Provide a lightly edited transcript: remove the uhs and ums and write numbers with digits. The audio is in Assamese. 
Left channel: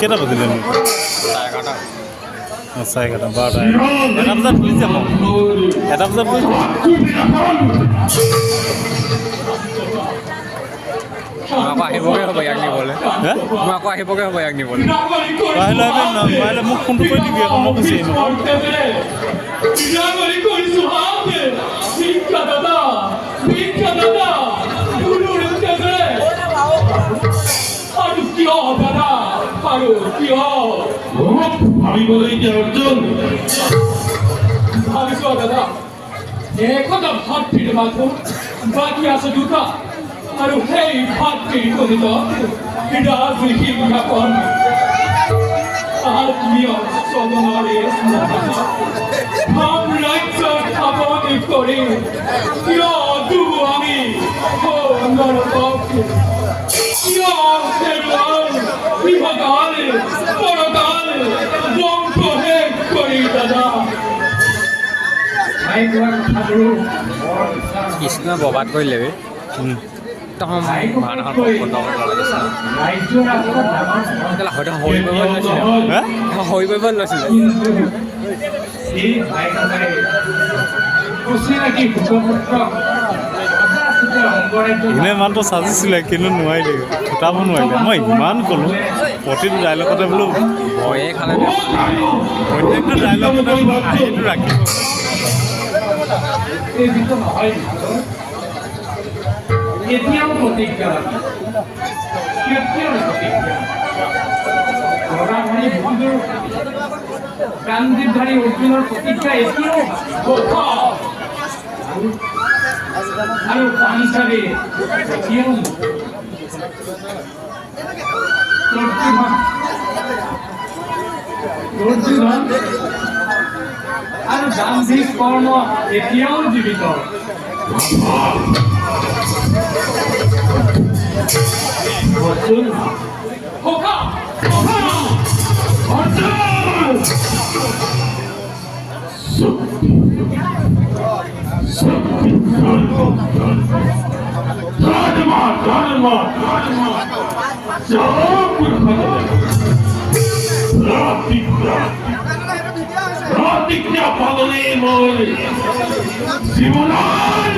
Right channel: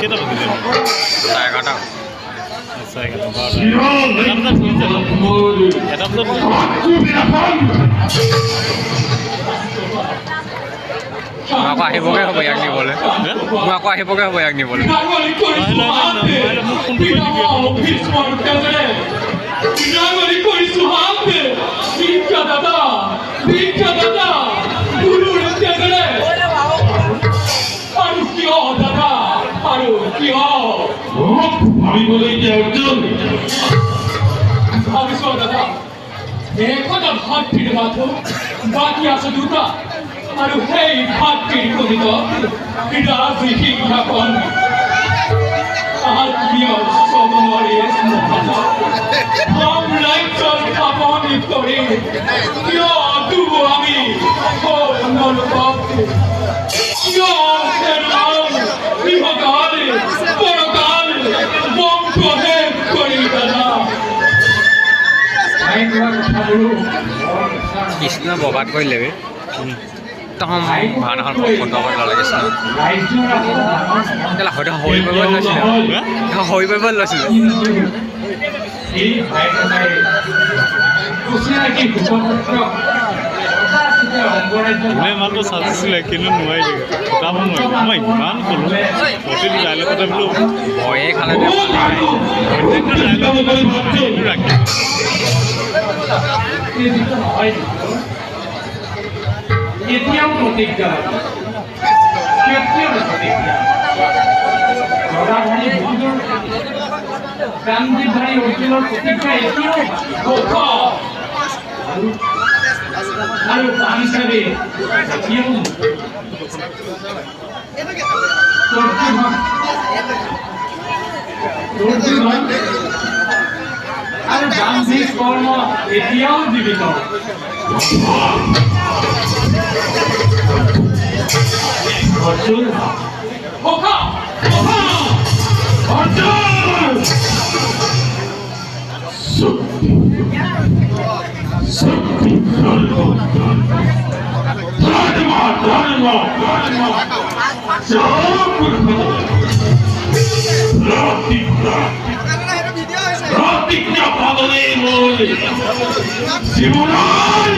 কেটা বাজে দেন 11:30 আচ্ছা 11:12 এটা বাজার মই আকৌ আহিবগৈ হ'ব ইয়াক নিবলৈ মই আকৌ আহিবগৈ হ'ব ইয়াক নিবলৈ মোক ফোন কৰি দিবি আকৌ মই গুচি আমি বলে যে অর্জুন দাদা এখনো ভাত ফিরে মাত্র বাকি আছে দুটা আর সেই ভাত ফিরে করিত এটা তুই ঠিক না করবি আর প্রিয় সমরে হাম লাইক খাবন করে প্রিয় দুবো আমি ও নরককে প্রিয় সেরম বিভগালে পরকালে বংশ হে করি দাদা কৃষ্ণ ববাদ কৰি লেবি তখন ভাওনাখন বন্ধ কৰিব লাগিছিল হয়তো হৰি কৰিব লৈছিলে হৰি কৰিব লৈছিলে এনে ইমানটো চাজিছিলে কিন্তু নোৱাৰিলে ফুটাব নোৱাৰিলে মই ইমান ক'লোঁ প্ৰতিটো ডাইলগতে বোলো ভয়ে খালে প্ৰত্যেকটো ডাইলগতে ৰাখি এতিয়াও প্ৰতিজ্ঞা গান্ধীধাৰী অৰ্জুনৰ প্ৰতিজ্ঞা এতিয়াও আৰু পান হিচাপে এতিয়াও আৰু গান্ধীৰ কৰ্ম এতিয়াও জীৱিত অৰ্জুন ওখা ওখা অৰ্জুন শক্তি ধৰ্ম ধৰ্ম প্ৰতিজ্ঞা পালনে মনে জীবনেৰ